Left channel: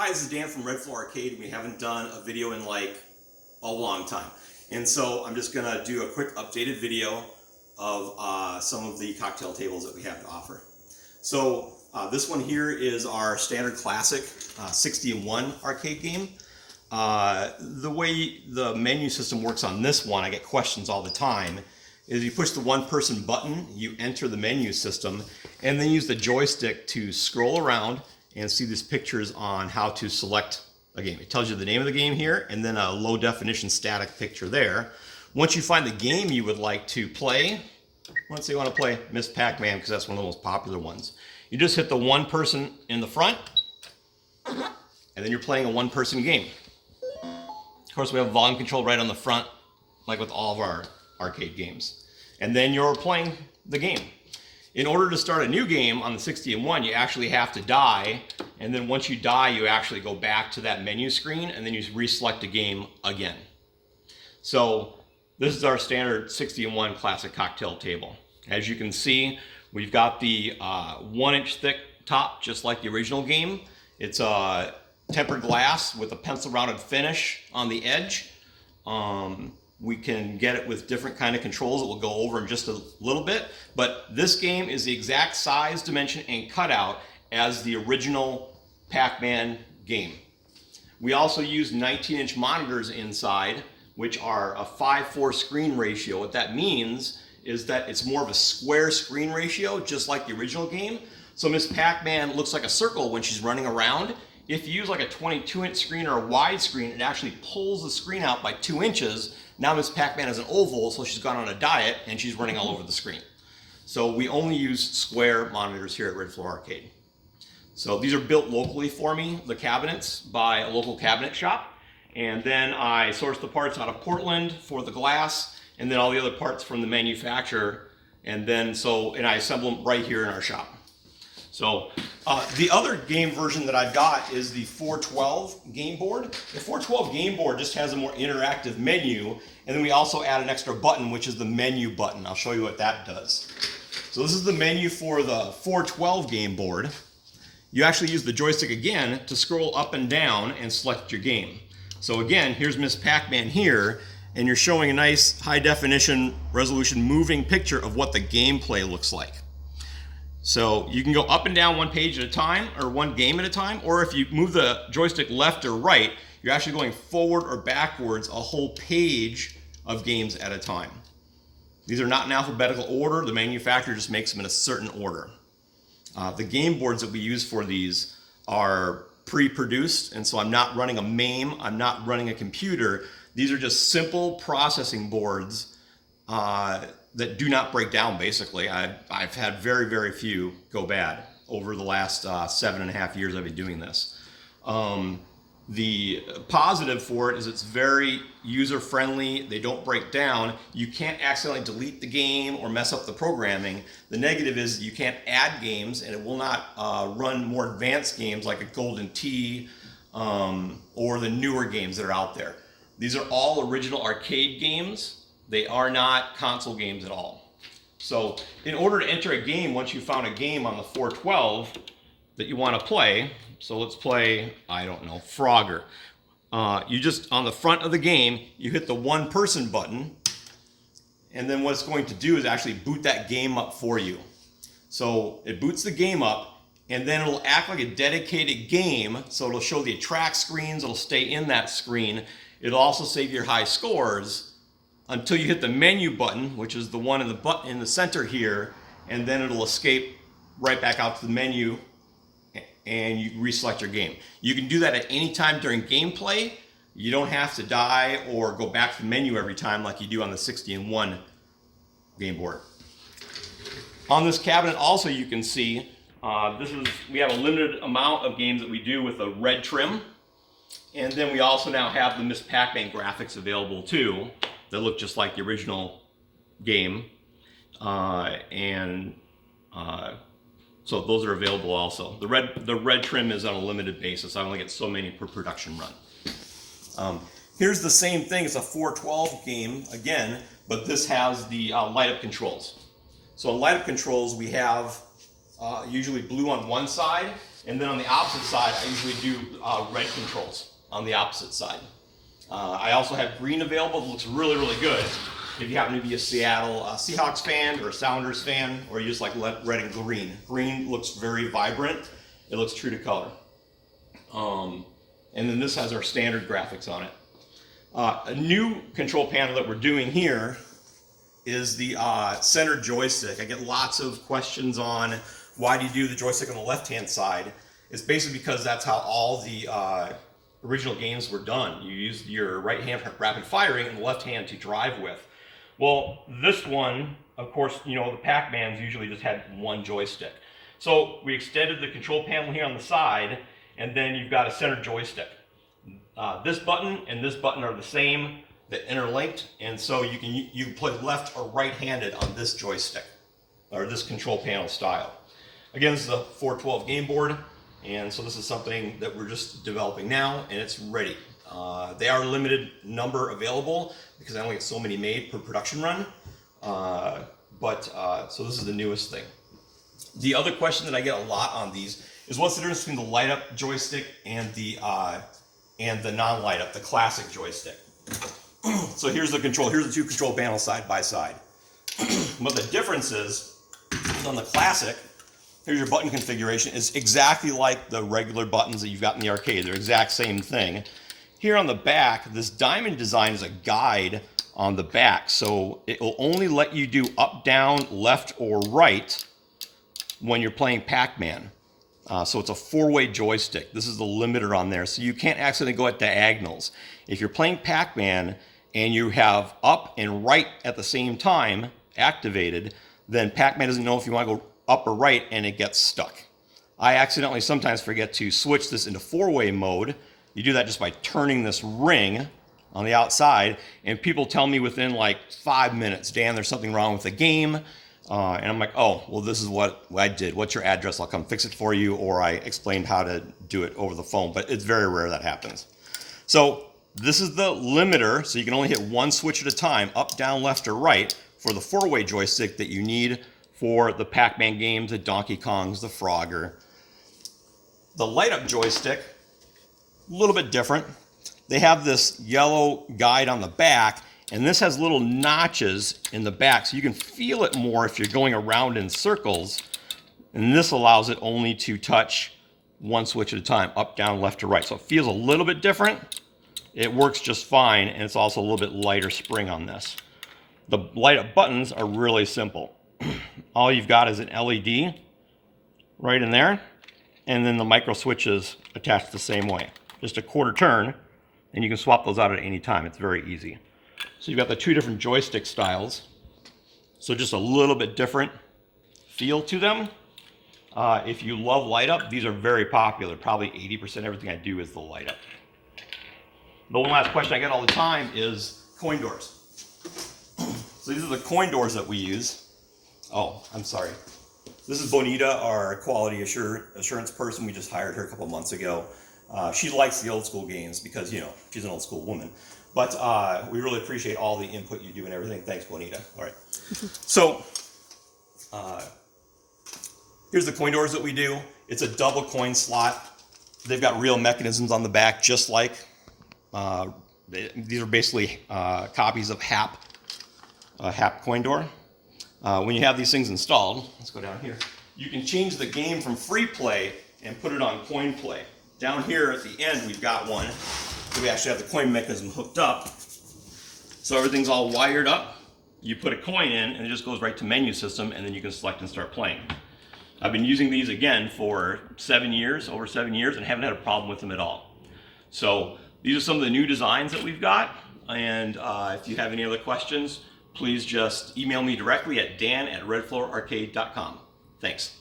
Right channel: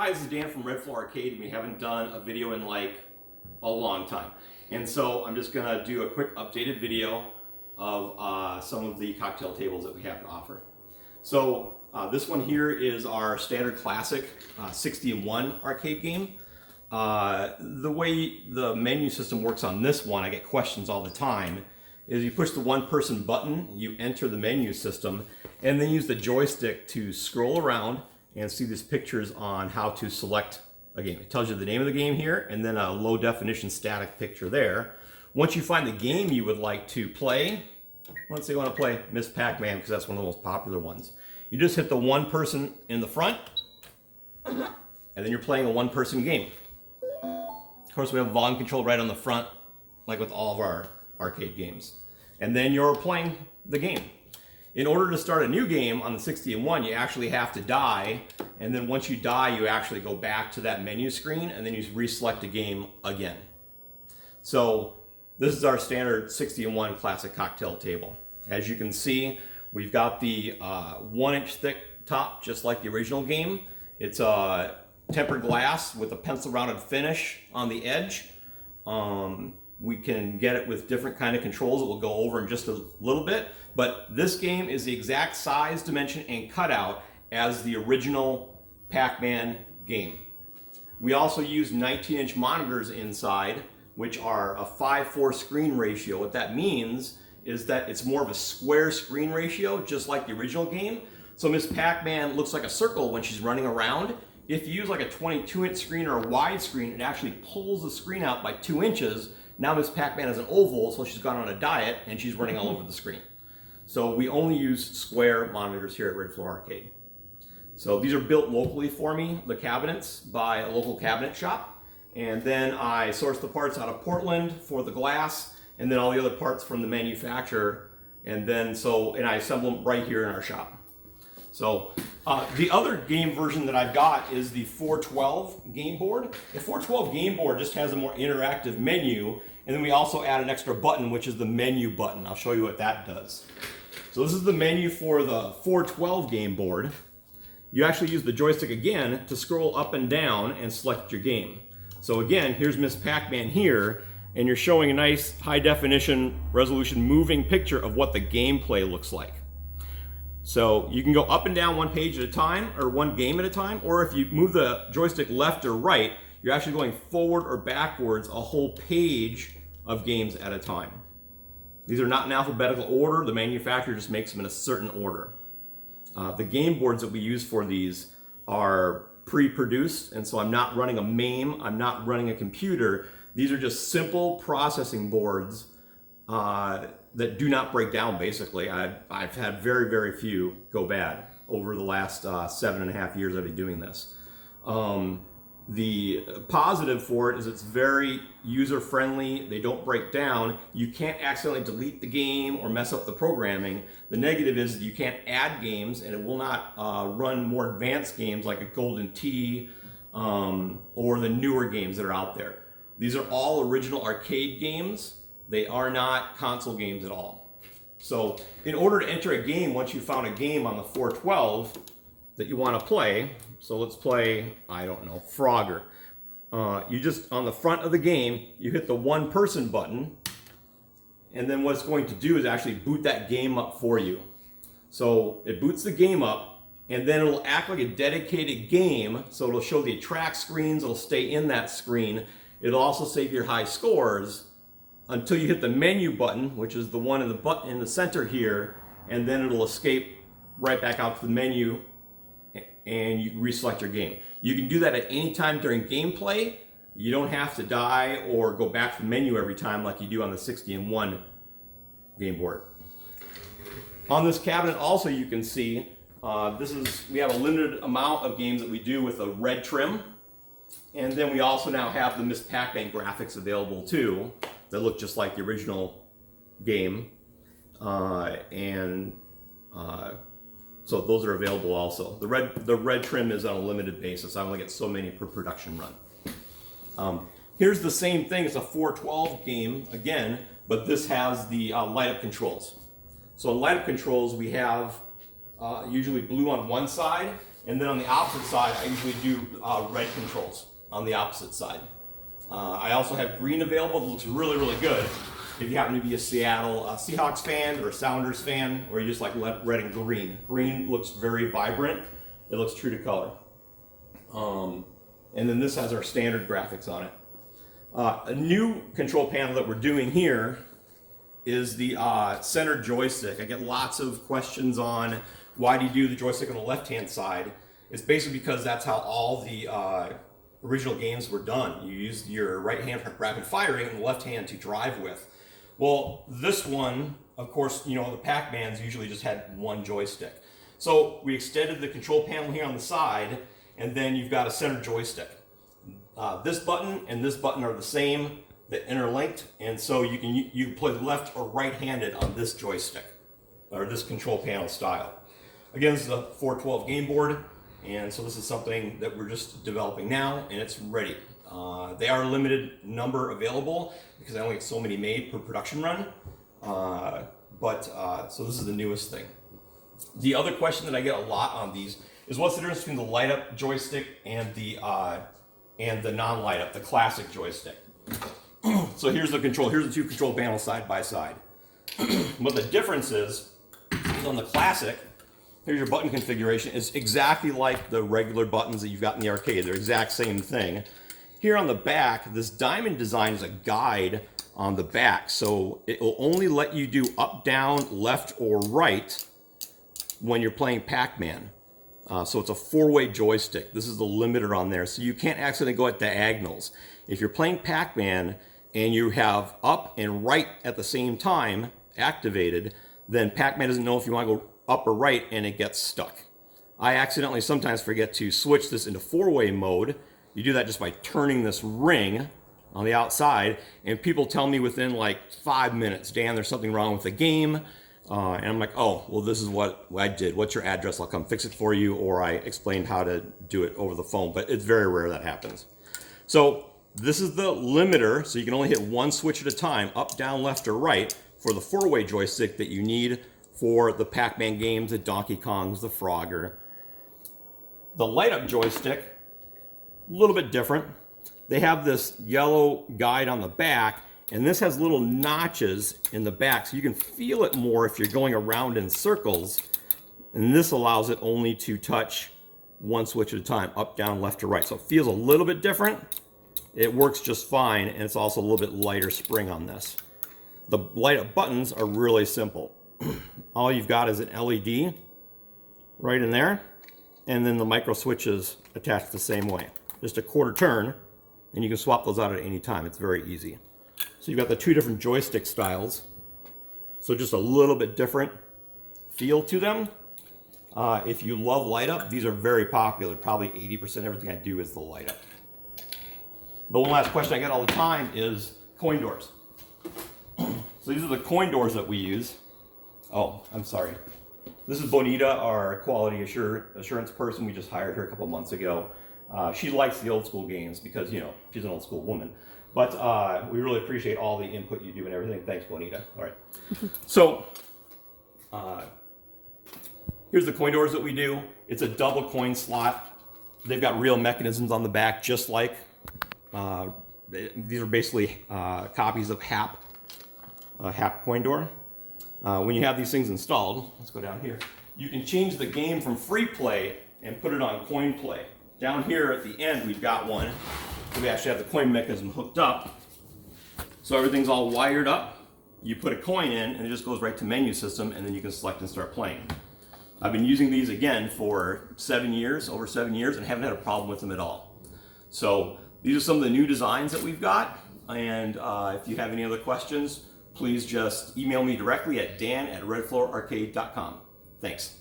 Hi, this is Dan from Red Floor Arcade. We haven't done a video in like a long time. And so I'm just gonna do a quick updated video of some of the cocktail tables that we have to offer. So this one here is our standard classic 60-in-1 arcade game. The way the menu system works on this one, I get questions all the time, is you push the one-person button, you enter the menu system, and then use the joystick to scroll around and see these pictures on how to select a game. It tells you the name of the game here, and then a low-definition static picture there. Once you find the game you would like to play, let's say you want to play Miss Pac-Man, because that's one of the most popular ones. You just hit the one person in the front, and then you're playing a one-person game. Of course, we have volume control right on the front, like with all of our arcade games. And then you're playing the game. In order to start a new game on the 60-in-1, you actually have to die, and then once you die, you actually go back to that menu screen, and then you reselect a game again. So this is our standard 60-in-1 classic cocktail table. As you can see, we've got the 1-inch thick top, just like the original game. It's a tempered glass with a pencil-rounded finish on the edge. We can get it with different kind of controls that we'll go over in just a little bit. But this game is the exact size, dimension, and cutout as the original Pac-Man game. We also use 19-inch monitors inside, which are a 5:4 screen ratio. What that means is that it's more of a square screen ratio, just like the original game. So Miss Pac-Man looks like a circle when she's running around. If you use like a 22-inch screen or a wide screen, it actually pulls the screen out by 2 inches. Now Miss Pac-Man is an oval, so she's gone on a diet and she's running all over the screen. So we only use square monitors here at Red Floor Arcade. So these are built locally for me, the cabinets, by a local cabinet shop. And then I source the parts out of Portland for the glass, and then all the other parts from the manufacturer. And I assemble them right here in our shop. So the other game version that I've got is the 412 game board. The 412 game board just has a more interactive menu, and then we also add an extra button, which is the menu button. I'll show you what that does. So this is the menu for the 412 game board. You actually use the joystick again to scroll up and down and select your game. So again, here's Miss Pac-Man here, and you're showing a nice high definition resolution moving picture of what the gameplay looks like. So you can go up and down one page at a time, or one game at a time, or if you move the joystick left or right, you're actually going forward or backwards a whole page of games at a time. These are not in alphabetical order. The manufacturer just makes them in a certain order. The game boards that we use for these are pre-produced, and so I'm not running a MAME, I'm not running a computer. These are just simple processing boards that do not break down, basically. I've had very, very few go bad over the last 7.5 years I've been doing this. The positive for it is it's very user-friendly. They don't break down. You can't accidentally delete the game or mess up the programming. The negative is you can't add games, and it will not run more advanced games like a Golden Tee or the newer games that are out there. These are all original arcade games. They are not console games at all. So in order to enter a game, once you found a game on the 412 that you want to play, so let's play, I don't know, Frogger. You just, on the front of the game, you hit the one-person button, and then what it's going to do is actually boot that game up for you. So it boots the game up, and then it'll act like a dedicated game, so it'll show the attract screens, it'll stay in that screen. It'll also save your high scores until you hit the menu button, which is the one in the center here, and then it'll escape right back out to the menu, and you reselect your game. You can do that at any time during gameplay. You don't have to die or go back to the menu every time like you do on the 60-in-1 game board. On this cabinet also you can see, we have a limited amount of games that we do with a red trim, and then we also now have the Miss Pac-Man graphics available too, that look just like the original game, so those are available also. The red trim is on a limited basis. I only get so many per production run. Here's the same thing. It's a 412 game again, but this has the light up controls. So in light up controls we have usually blue on one side And then on the opposite side, I usually do red controls on the opposite side. I also have green available that looks really, really good if you happen to be a Seattle Seahawks fan or a Sounders fan, or you just like red and green. Green looks very vibrant. It looks true to color. And then this has our standard graphics on it. A new control panel that we're doing here is the center joystick. I get lots of questions on why do you do the joystick on the left-hand side. It's basically because that's how all the original games were done. You used your right hand for rapid firing and the left hand to drive with. Well, this one, of course, you know, the Pac-Mans usually just had one joystick. So we extended the control panel here on the side, and then you've got a center joystick. This button and this button are the same, they're interlinked, and so you can play left or right-handed on this joystick, or this control panel style. Again, this is a 412 game board, and so this is something that we're just developing now, and it's ready. They are limited number available because I only get so many made per production run, so this is the newest thing. The other question that I get a lot on these is what's the difference between the light up joystick and the non-light up, the classic joystick. So here's the control, here's the two control panels side by side. What the difference is on the classic, here's your button configuration, is exactly like the regular buttons that you've got in the arcade. They're the exact same thing. Here on the back, this diamond design is a guide on the back, so it will only let you do up, down, left, or right when you're playing Pac-Man. So it's a four-way joystick. This is the limiter on there, so you can't accidentally go at diagonals. If you're playing Pac-Man and you have up and right at the same time activated, then Pac-Man doesn't know if you want to go up or right, and it gets stuck. I accidentally sometimes forget to switch this into four-way mode. You do that just by turning this ring on the outside, and people tell me within like 5 minutes, Dan, there's something wrong with the game. And I'm like, oh, well, this is what I did. What's your address? I'll come fix it for you. Or I explained how to do it over the phone, but it's very rare that happens. So this is the limiter, so you can only hit one switch at a time, up, down, left, or right, for the four-way joystick that you need for the Pac-Man games, the Donkey Kongs, the Frogger. The light-up joystick, a little bit different. They have this yellow guide on the back, and this has little notches in the back, so you can feel it more if you're going around in circles. And this allows it only to touch one switch at a time, up, down, left, or right. So it feels a little bit different. It works just fine, and it's also a little bit lighter spring on this. The light-up buttons are really simple. All you've got is an LED right in there, and then the micro switches attached the same way. Just a quarter turn, and you can swap those out at any time. It's very easy. So you've got the two different joystick styles. So just a little bit different feel to them. If you love light up, these are very popular. Probably 80% of everything I do is the light up. The one last question I get all the time is coin doors. So these are the coin doors that we use. Oh, I'm sorry. This is Bonita, our quality assurance person. We just hired her a couple months ago. She likes the old school games because, you know, she's an old school woman. But we really appreciate all the input you do and everything. Thanks, Bonita. All right. So here's the coin doors that we do. It's a double coin slot. They've got real mechanisms on the back, just like these are basically copies of HAP coin door. When you have these things installed, let's go down here, you can change the game from free play and put it on coin play. Down here at the end, we've got one. So we actually have the coin mechanism hooked up. So everything's all wired up. You put a coin in, and it just goes right to menu system, and then you can select and start playing. I've been using these again for over 7 years, and haven't had a problem with them at all. So these are some of the new designs that we've got. And if you have any other questions, please just email me directly at dan@redfloorarcade.com. Thanks.